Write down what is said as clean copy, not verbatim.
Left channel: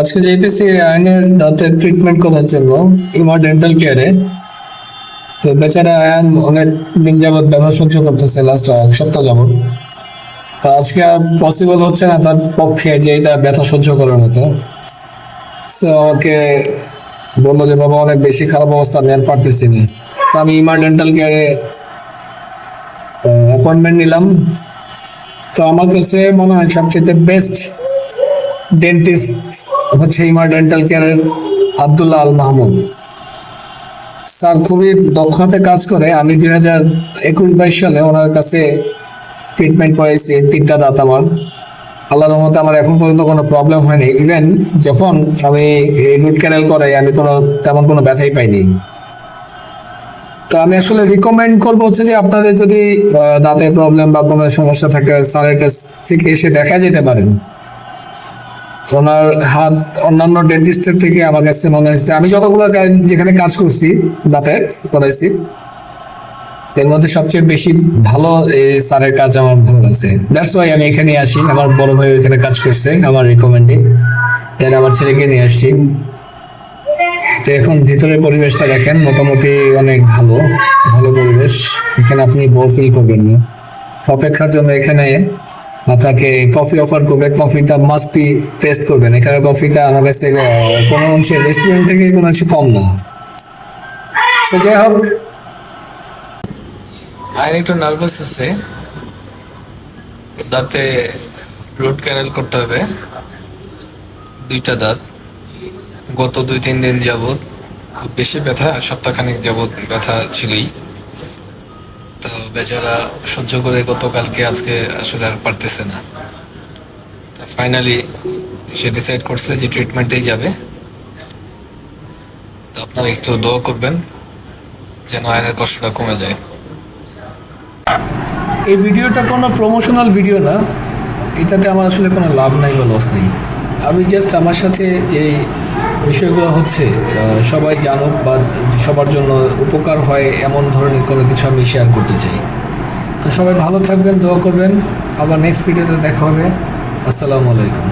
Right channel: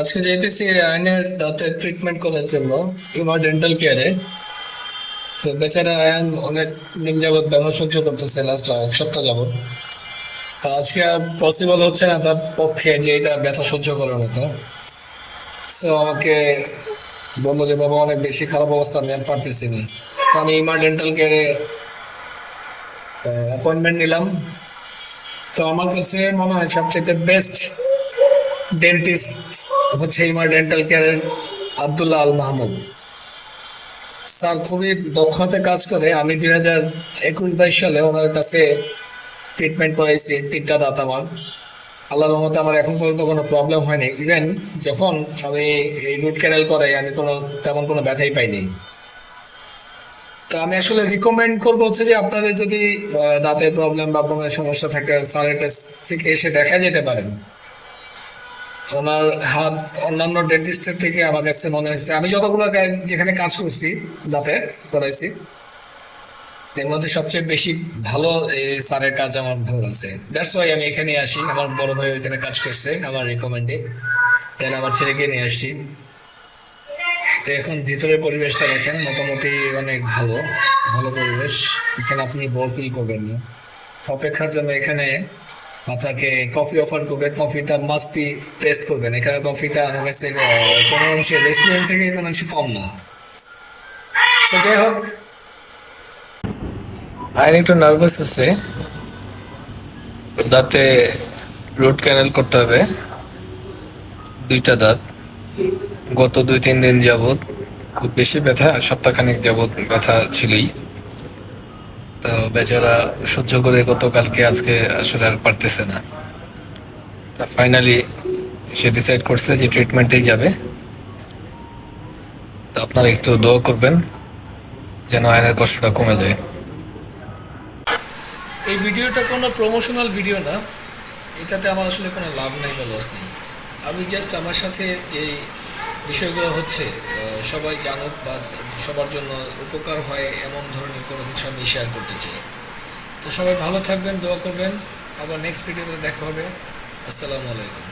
আজকে যাইতেছি আয়নের দাঁতের ট্রিটমেন্ট করার জন্য ইমা ডেন্টাল কেয়ারে। তো বেচারা আয়ন অনেক দিন যাবৎ ব্যথা সহ্য করতেছে, লাস্ট এক সপ্তাহ যাবৎ। তো আজকে পসিবল হচ্ছে না তার পক্ষে যে এটা ব্যথা সহ্য করার মতো। সো আমাকে বললো যে বাবা অনেক বেশি খারাপ অবস্থা, আমি আর পারতেছি না। তো আমি ইমা ডেন্টাল কেয়ারে অ্যাপয়েন্টমেন্ট নিলাম। তো আমার কাছে মনে হয় সবচেয়ে বেস্ট ডেন্টিস্ট হচ্ছে ইমা ডেন্টাল কেয়ারের আব্দুল্লাহ আল মাহমুদ স্যার। খুবই দক্ষতায় কাজ করে। আমি 2021-22 সালে ওনার কাছে ট্রিটমেন্ট করাইছি, 3টা দাঁত আমার। আল্লাহর রহমতে আমার এখন পর্যন্ত কোনো প্রবলেম হয়নি। ইভেন যখন আমি এই রুট ক্যানেল করাই আমি তেমন কোনো ব্যথাই পাইনি। তো আমি আসলে রিকমেন্ড করবো হচ্ছে যে আপনাদের যদি দাঁতের প্রবলেম বা কোনো সমস্যা থাকে স্যারের কাছ থেকে এসে দেখা যেতে পারেন। ওনার হাত অন্যান্য ডেন্টিস্টের থেকে আমার কাছে মনে হয়েছে, আমি যতগুলো যেখানে কাজ করছি দাঁতে করাইছি এর মধ্যে সবচেয়ে বেশি ভালো এই স্যারের কাজ আমার ভালো লাগছে। দ্যাটস ওয়াই আমি এখানে আসি। আমার বড় ভাই এখানে কাজ করছে আমার রিকমেন্ডে, তাই আমার ছেলেকে নিয়ে আসছি। তো এখন ভিতরের পরিবেশটা দেখেন, মোটামুটি অনেক ভালো ভালো পরিবেশ। এখানে আপনি বোর ফিল করবেন না। অপেক্ষার জন্য এখানে আপনাকে কফি অফার করবে, কফিটা মাস্ট বি টেস্ট করবেন। এখানে কফিটা আমার কাছে কোনো অংশে রেস্টুরেন্ট থেকে কোনো অংশে কম না। তো যাই হোক, আইন একটু নার্ভাস আছে, দাঁতে রুট ক্যানেল করতে হবে 2টা দাঁত। গত 2-3 দিন যাবৎ খুব বেশি ব্যথা, সপ্তাহখানেক যাবৎ ব্যথা ছিলই। তো বেচারা সহ্য করে গতকালকে আজকে আসলে আর পারতেছে না। তা ফাইনালি সে ডিসাইড করছে যে ট্রিটমেন্টেই যাবে। তো আপনারা একটু দোয়া করবেন যেন আয়নের কষ্টটা কমে যায়। এই ভিডিওটা কোনো প্রমোশনাল ভিডিও না, এটাতে আমার আসলে কোনো লাভ নাই বা লস নেই। আমি জাস্ট আমার সাথে যে বিষয়গুলো হচ্ছে সবাই জানুক বা সবার জন্য উপকার হয় এমন ধরনের কোনো কিছু আমি শেয়ার করতে চাই। তো সবাই ভালো থাকবেন, দোয়া করবেন। আবার নেক্সট ভিডিওতে দেখা হবে। আসসালামু আলাইকুম।